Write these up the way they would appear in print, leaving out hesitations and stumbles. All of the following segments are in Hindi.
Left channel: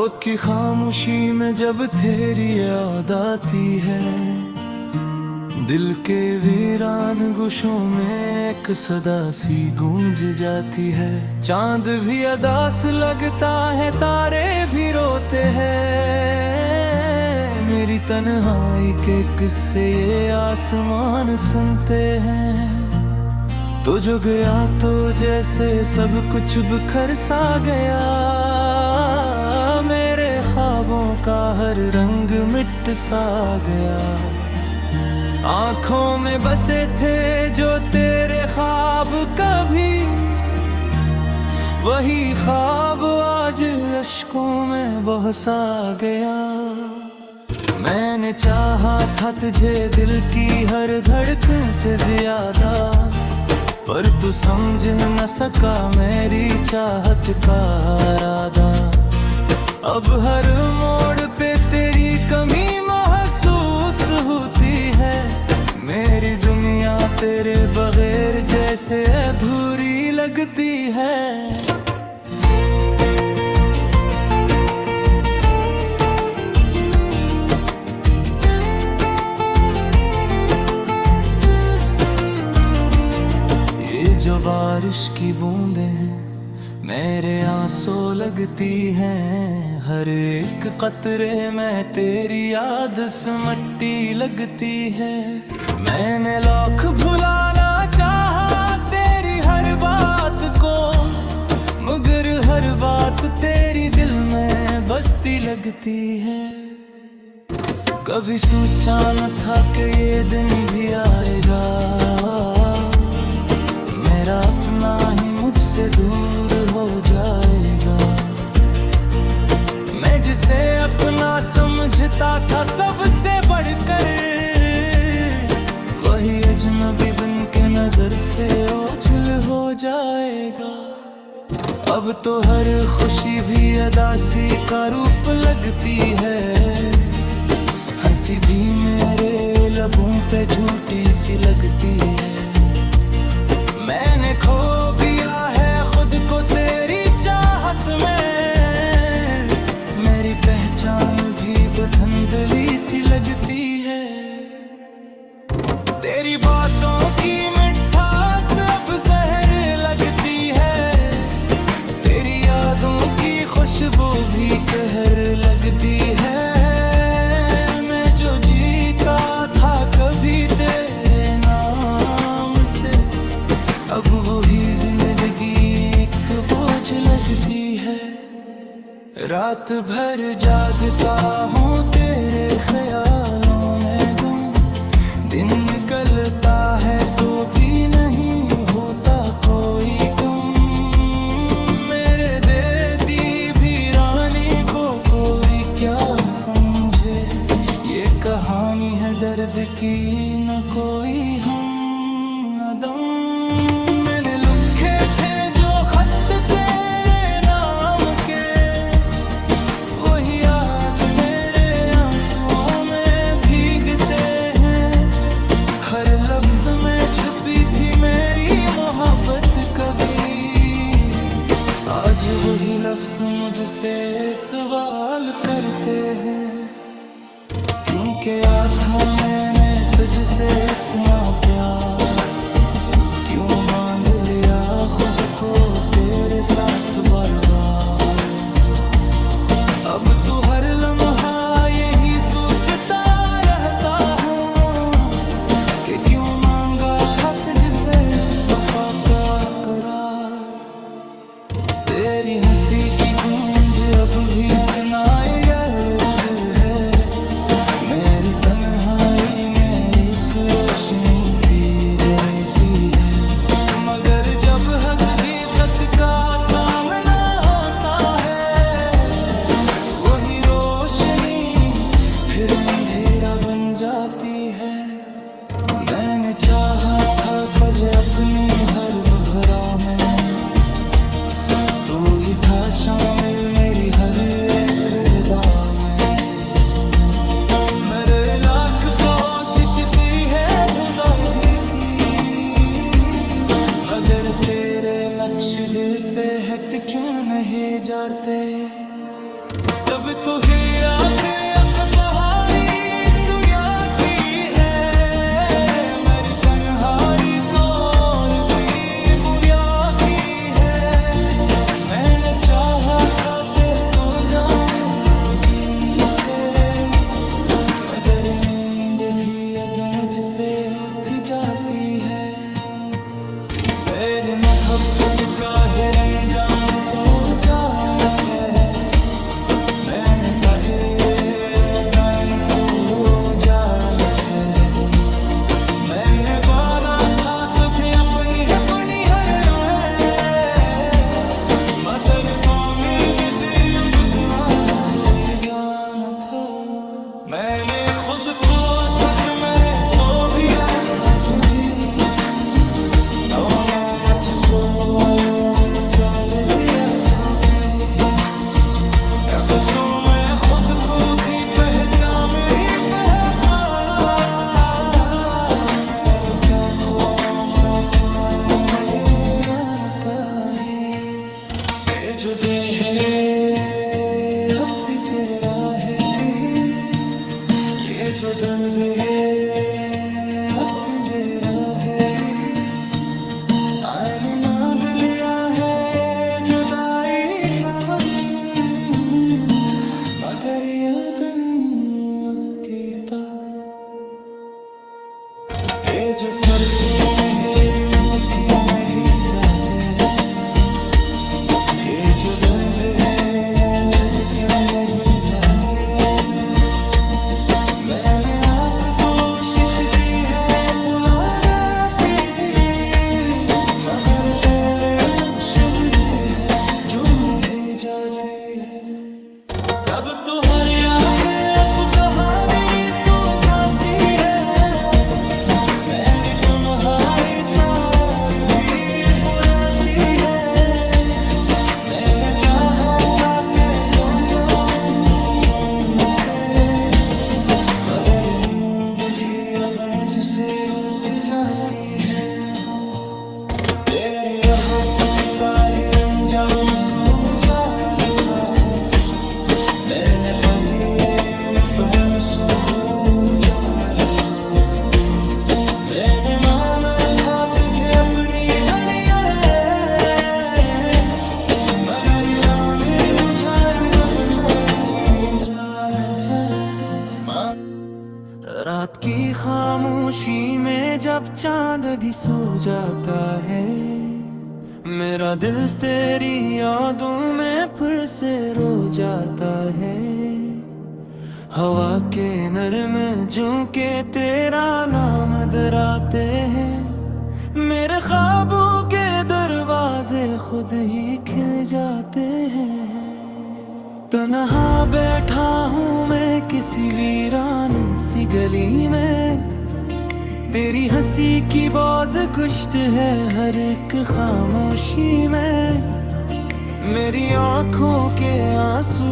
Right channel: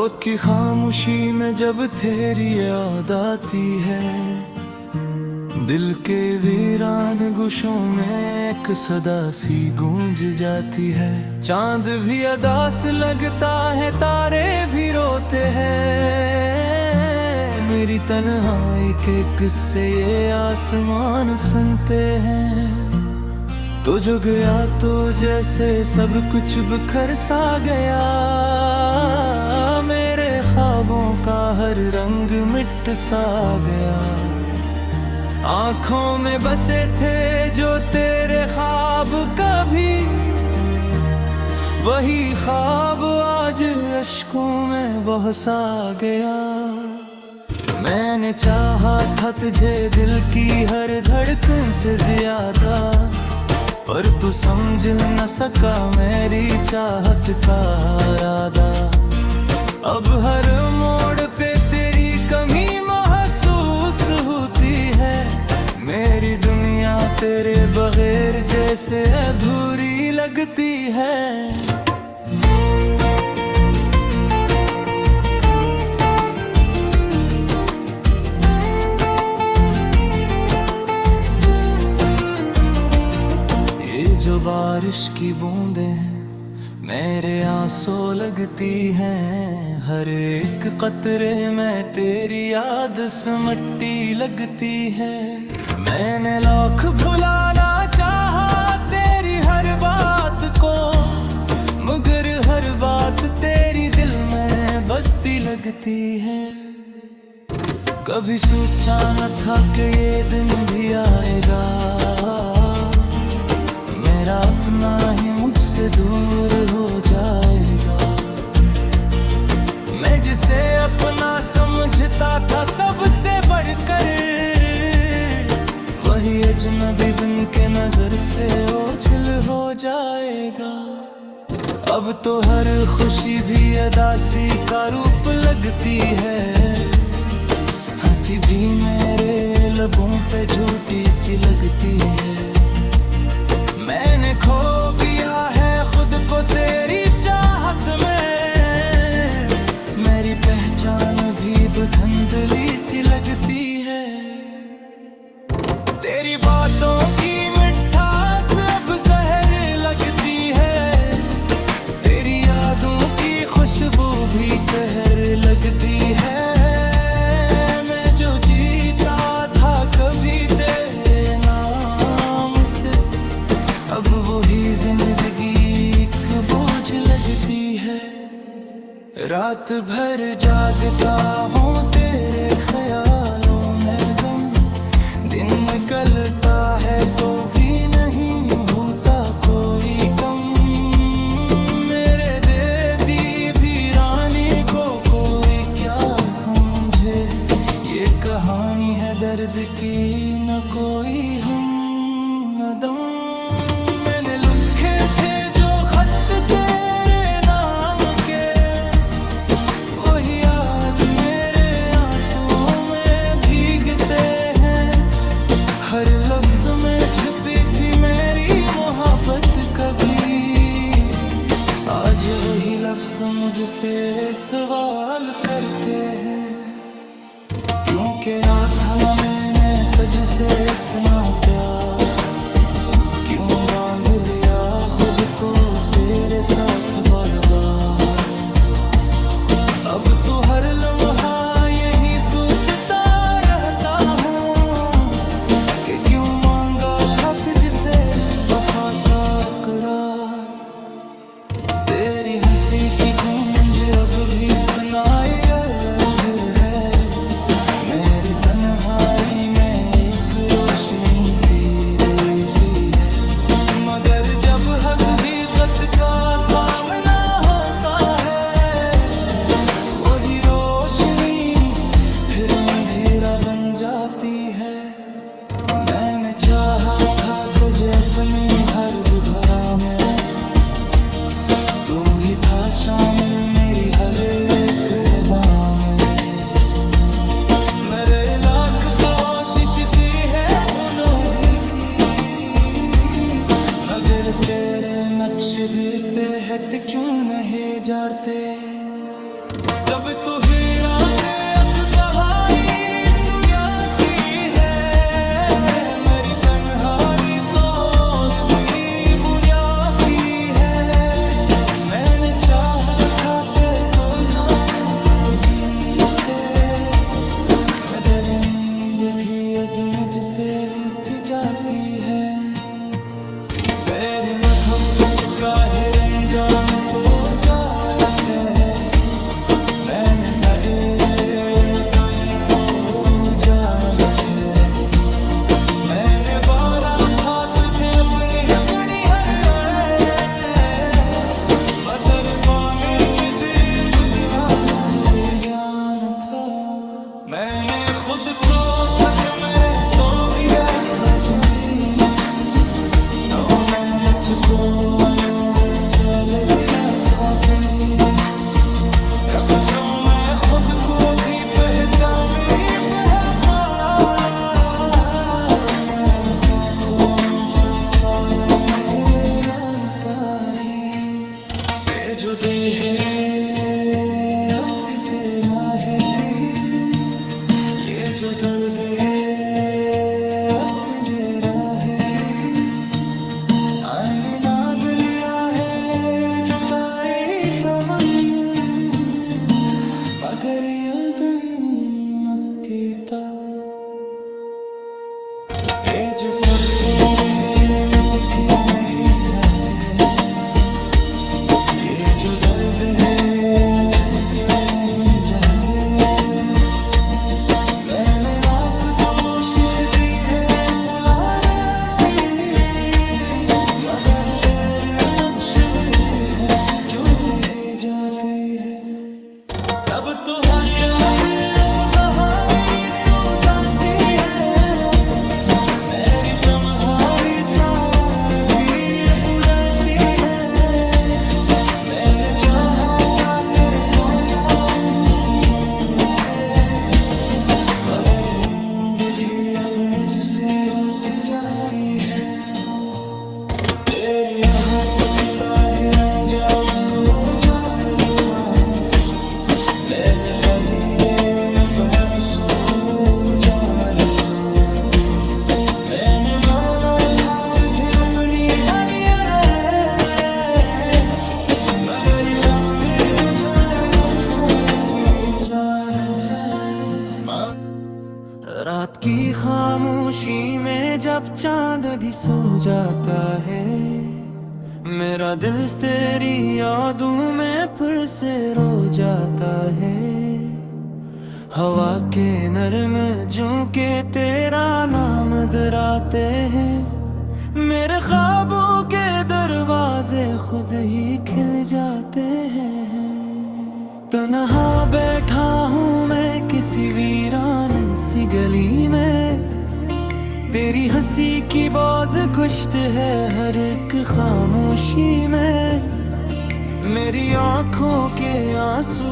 रात की खामोशी में जब तेरी याद आती है, दिल के वीरान गुशों में एक सदा सी गूंज जाती है। चांद भी अदास लगता है, तारे भी रोते हैं। मेरी तन्हाई के किस्से ये आसमान सुनते हैं। तो जो गया तो जैसे सब कुछ बिखर सा गया, मेरे ख्वाबों का हर रंग मिट सा गया। आंखों में बसे थे जो तेरे ख्वाब कभी, वही ख्वाब आज अश्कों में बह सा गया। मैंने चाहा था तुझे दिल की हर धड़कन से ज्यादा, पर तू समझ न सका मेरी चाहत का इरादा। अब हर मोड़ पे तेरी कमी महसूस होती है। मेरी दुनिया तेरे बगैर जैसे अधूरी लगती है। जो बारिश की बूंदें हैं मेरे आंसू लगती हैं। हर एक कतरे में तेरी याद सिमटी लगती है। मैंने लाख भुलाना चाहा तेरी हर बात को, मगर हर बात तेरी दिल में बसती लगती है। कभी सोचा न था कि ये दिन भी आएगा, मेरा अपना ही मुझसे दूर हो जाएगा। मैं जिसे अपना समझता था सबसे बढ़कर, वही अजनबी बन के नजर से ओझल हो जाएगा। अब तो हर खुशी भी अदासी का रूप लगती है। हंसी भी मेरे लबों पे झूठी सी लगती है। मैंने खो दिया है खुद को तेरी चाहत में। मेरी पहचान भी बधंधली सी लगती है। तेरी बातों की मिठास अब जहर लगती है। तेरी यादों की खुशबू भी कहर लगती है। मैं जो जीता था कभी तेरे नाम से, अब वही जिंदगी एक बोझ लगती है। रात भर जागता हूँ तेरे ख्यालों में गम, दिन निकलता है तो भी नहीं होता कोई कम। मेरे बेदी भी रानी को कोई क्या समझे, ये कहानी है दर्द की न कोई हम न दम। मैंने लिखे थे जो खत तेरे नाम के, वही आज मेरे आंसुओं में भीगते हैं। हर लफ्ज में छुपी थी मेरी मोहब्बत कभी, आज वही लफ्ज मुझसे सवाल करते हैं। क्यों किया था मैंने तुझसे इतना प्यार, क्यों बांध लिया खुद को तेरे साथ बार बार। अब तो हर लम्हा यही सोचता रहता हूँ कि क्यों मांगा था तुझसे वफा का इकरार। तेरी हंसी की गूंज अब भी सुनाई फिर है। मेरी तन्हाई में एक रोशनी सी देती है। मगर जब हकीकत का सामना होता है, वही रोशनी फिर अंधेरा बन जाती है। मैंने चाहा था तुझे अपनी हर भरा में, तू ही था शामिल मेरी हर एक सदा में। मेरे लाख कोशिश थी है बुलंदी की, मगर तेरे नक्श दिल से हट क्यों नहीं जाते। जब तू ही आके अब बहारी सुया की है, मेरी तन्हाई तो और भी बुया की है। मैंने चाहा था ते सो जाऊं सुकून से, मगर नींद भी अद मुझसे उठ जाती है। मेरी मोहब्बत का ही रंजाम सो जानत है, मैंने कहा मकान सो जानत है। मैंने बारा था तुझे अपनी अपनी हर राय, मतर पामे मुझे अब दीवान सो जान था। मैंने खुद को थच मेरे तो भी आया था भी, तो मैं मुझको आयो चल गया था परी। अब तो मैं खुद को भी पहचान ही पा, मैं क्या खोना था पारो नगरान तारी। ये जो दे है अब भी तेरा है ती, ये जो दर्द है अब भी तेरा है यही। आईने नाद लिया है जुदाई तवन, मगर यादन नकीता। ये जो फरसे रहे मत की नहीं जाते, ये जो दर्द है अछत क्यों नहीं जाते। मैंने लाख कोशिश दी है बुला देती, मगर तेरे नक्शे से है जुड़ ही जाते हैं। तब तो हर याद अब कहानी सुनाती है, मेरी तन्हाई तार भी बुराती है। मैंने चाहा था के सो जाऊं सुकून से, मगर नींद भी अब मुझसे उठ जाती है। तेरी मोहब्बत का ही रंजाम सो जाल का, मैंने पढ़िए मुपहन सो जाल का। मैंने माना था तुझे अपनी हनिया, मगर कामी मुझायो बदनाम सो जानत है। रात की खामोशी में जब चांद भी सो जाता है, मेरा दिल तेरी यादों में फिर से रो जाता है। हवा के नरम झोंके तेरा नाम डराते हैं, मेरे ख्वाबों के दरवाजे खुद ही खिल जाते हैं। तन्हा बैठा हूँ मैं किसी वीरान सी गली में, तेरी हंसी की बाज कुश्त है हर एक खामोशी में। मेरी आंखों के आंसू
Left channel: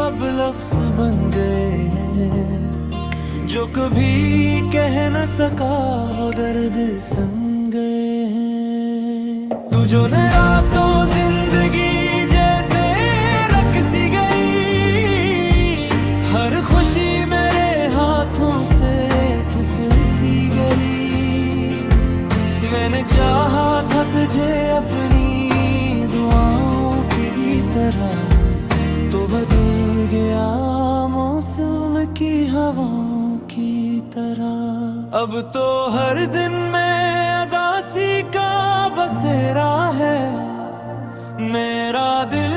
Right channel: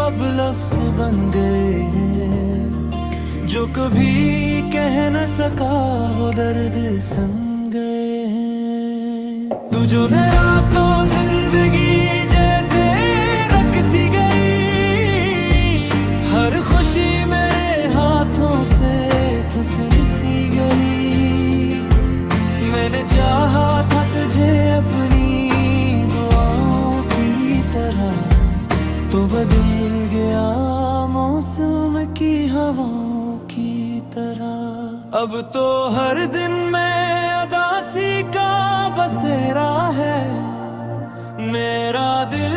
अब लफ्ज बन गए हैं, जो कभी कह न सका वो दर्द सन गए हैं। तू जो ने रातों जिंदगी जैसे रकसी गई, हर खुशी मेरे हाथों से फिसल सी गई। मैंने चाहा था तुझे अपनी दुआओं की तरह, तो बदल गया मौसम की हवाओं की तरह। अब तो हर दिन में अदासी का बसेरा है, मेरा दिल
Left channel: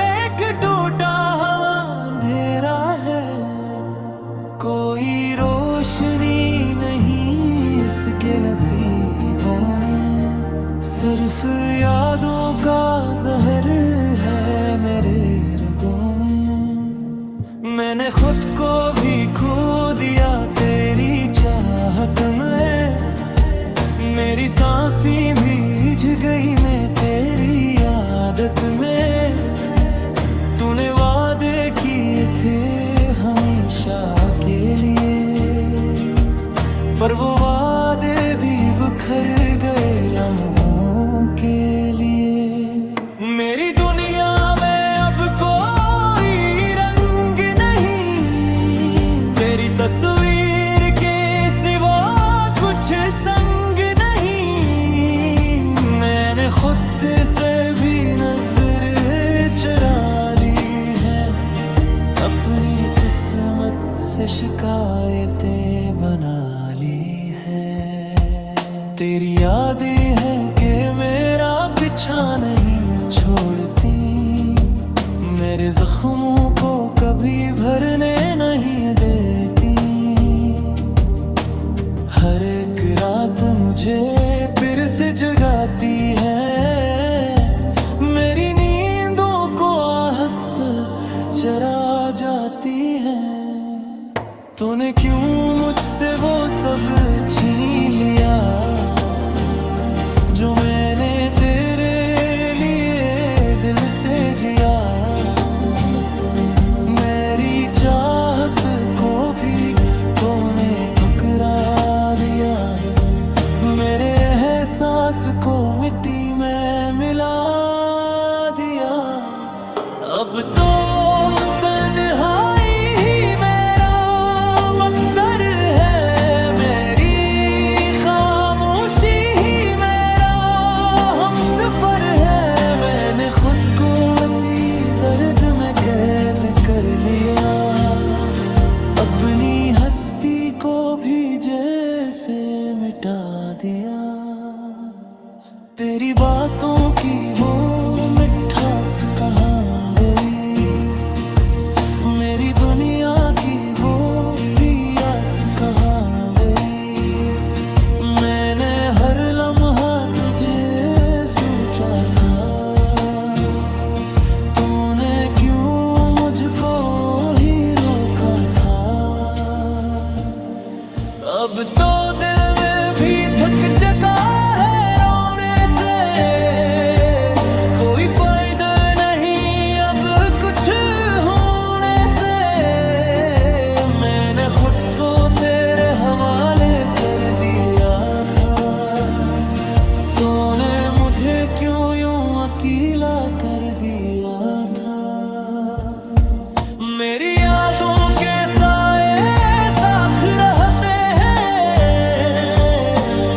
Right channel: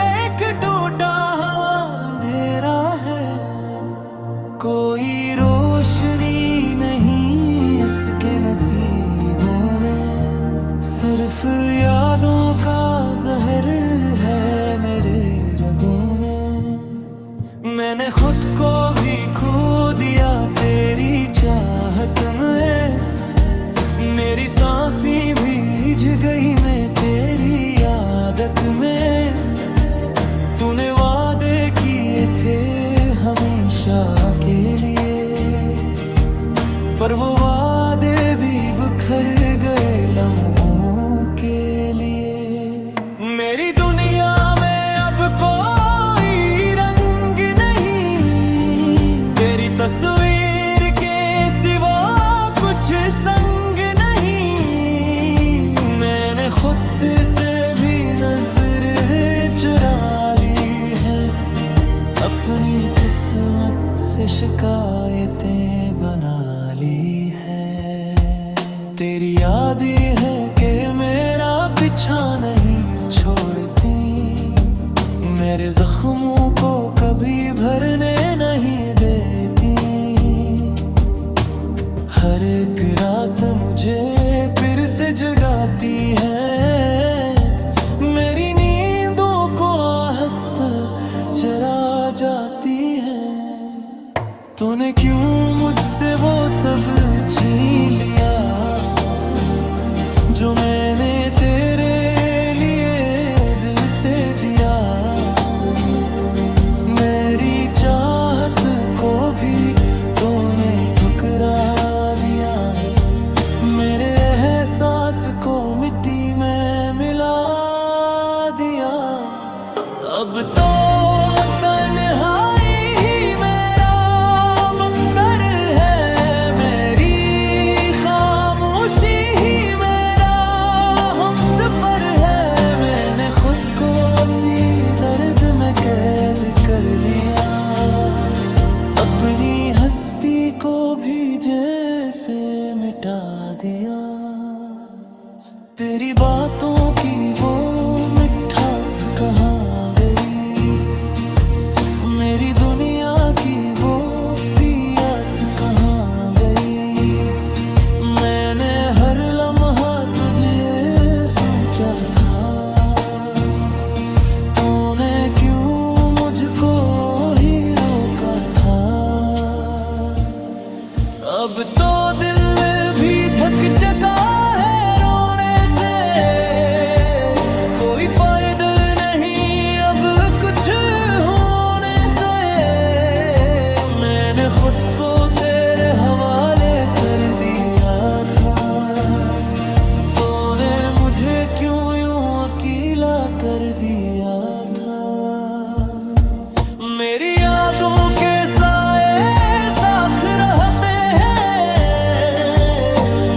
एक टूटा हुआ अंधेरा है। कोई रोशनी नहीं इसके नसीबों में, सिर्फ यादों का जहर है मेरे रगों में। मैंने खुद को भी खो दिया तेरी चाहत में, मेरी सांसें भीज गई मैं तेरी आदत में। तूने वादे किए थे हमेशा के लिए, पर वो वादे भी बिखर गए लम्हों के लिए। मेरी दुनिया में अब कोई तस्वीर के सिवा कुछ संग नहीं। मैंने खुद से भी नजर चुरा ली है, अपनी किस्मत से शिकायतें बना ली है। तेरी यादें है कि मेरा पीछा नहीं छोड़ती, मेरे जख्मों को कभी भरने नहीं देती। हर एक रात मुझे फिर से जगाती है, मेरी नींदों को आहस्त चरा जाती है। तूने क्यों मुझसे वो सब छीन लिया जो मैंने तेरे लिए दिल से जिया। मेरी चाहत को भी तूने ठुकरा दिया, मेरे एहसास को मिट्टी में मिला दिया। अब तो तन्हाई ही मेरा मकदर है, मेरी खामोशी ही मेरा हमसफर है। मैंने खुद को इसी दर्द में कैद कर लिया, अपनी हस्ती को भी जैसे मिटा दिया। तेरी बातों की वो मिठास कहाँ गई, मेरी दुनिया की वो प्यास कहाँ गई। मैंने हर लम्हा तुझे सोचा था, तूने क्यों मुझको ही रोका था। अब तो दिल में भी थक चुका है रोने से, कोई फायदा नहीं अब कुछ होने से। मैंने खुद को तेरे हवाले कर दिया था, तूने मुझे क्यों यूं अकेला कर दिया था। मेरी यादों के साए साथ रहते हैं,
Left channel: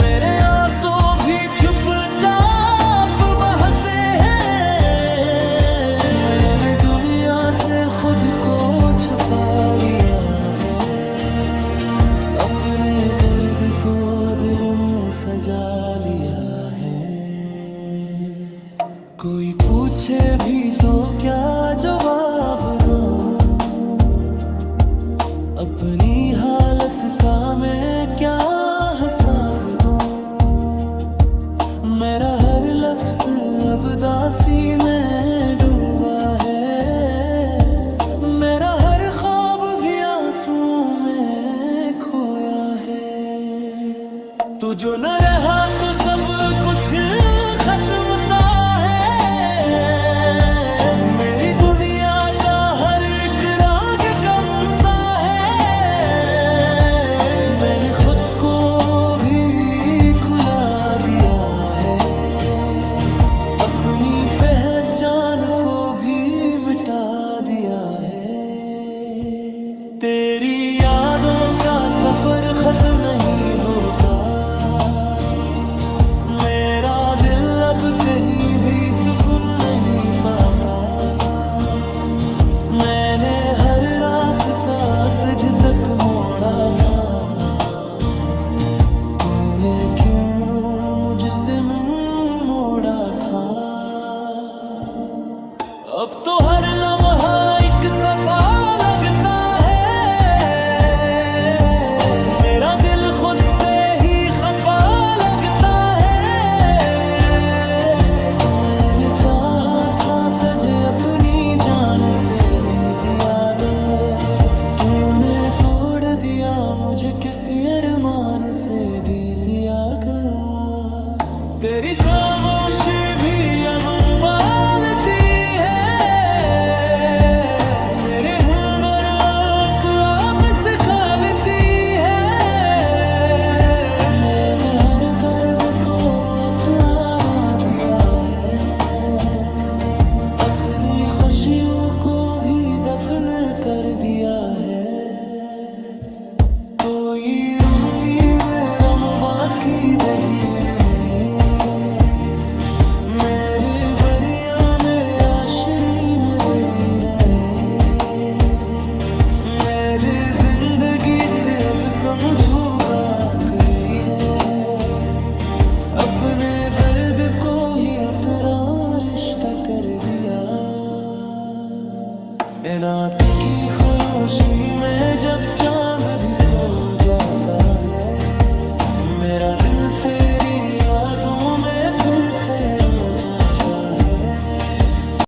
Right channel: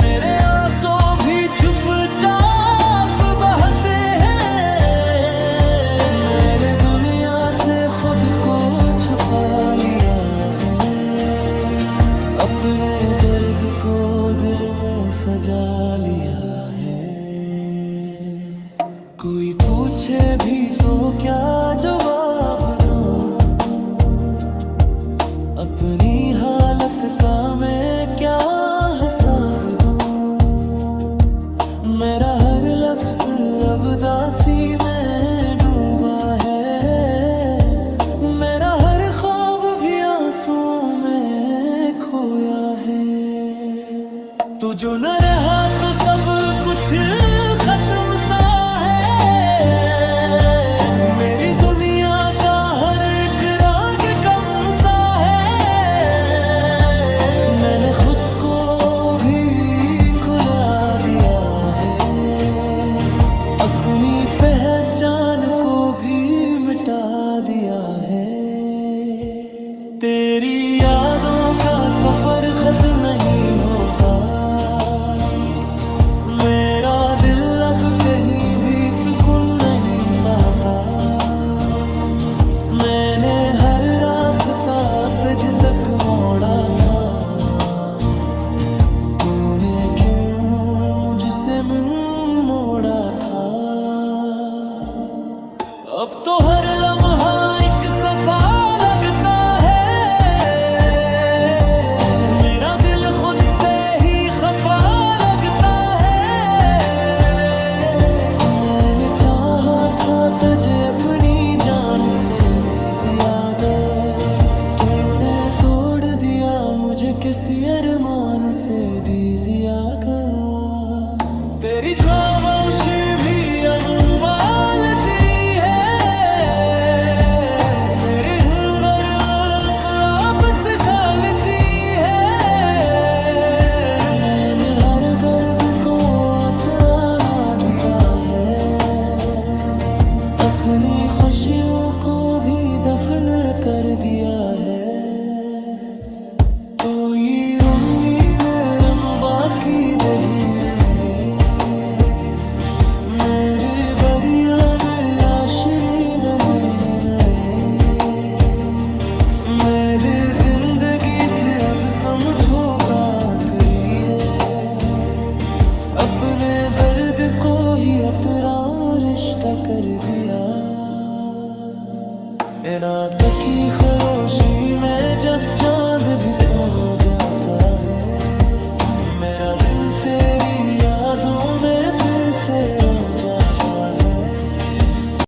मेरे आंसू भी चुपचाप बहते हैं। मैंने दुनिया से खुद को छुपा लिया है, अपने दर्द को दिल में सजा लिया है। कोई पूछे भी तो क्या जवाब दूं, अपनी हालत का मैं क्या हिसाब दूं। मेरा हर लफ्ज अब दासी में डूबा है, मेरा हर ख्वाब भी आंसुओं में खोया है। तू जो न रहा तो सब कुछ खत्म सा है, मेरी दुनिया का हर एक राग कम सा है। मैंने खुद को भी खुला दिया है, अपनी पहचान को भी मिटा दिया है। तेरी यादों का सफर खत्म नहीं होता, मेरा दिल अब कहीं भी सुकून नहीं पाता। मैंने हर रास्ता तुझ तक मोड़ा था, तूने क्यों मुझसे मुंह मोड़ा था। अब तो हर लम्हा एक सफा लगता है, मेरा दिल खुद से ही खफा लगता है। मैंने चाहा था तुझे अपनी जान से भी ज्यादा, तूने तोड़ दिया मुझे किसी अरमान से भी ज्यादा। तेरी खामोशी भी अब मालती है, मेरे हुनर को आपस खा लेती है। मैंने हर दर्द को अतारा दिया है, अपनी खुशियों को भी दफन कर दिया है। इसे अब समझो का आखिरी है, अपने दर्द को ही अपना रिश्ता कर दिया। नातों की खरोशी में जब चांद भी सो जाता है, मेरा दिल तेरी यादों में फिर से रो जाता है।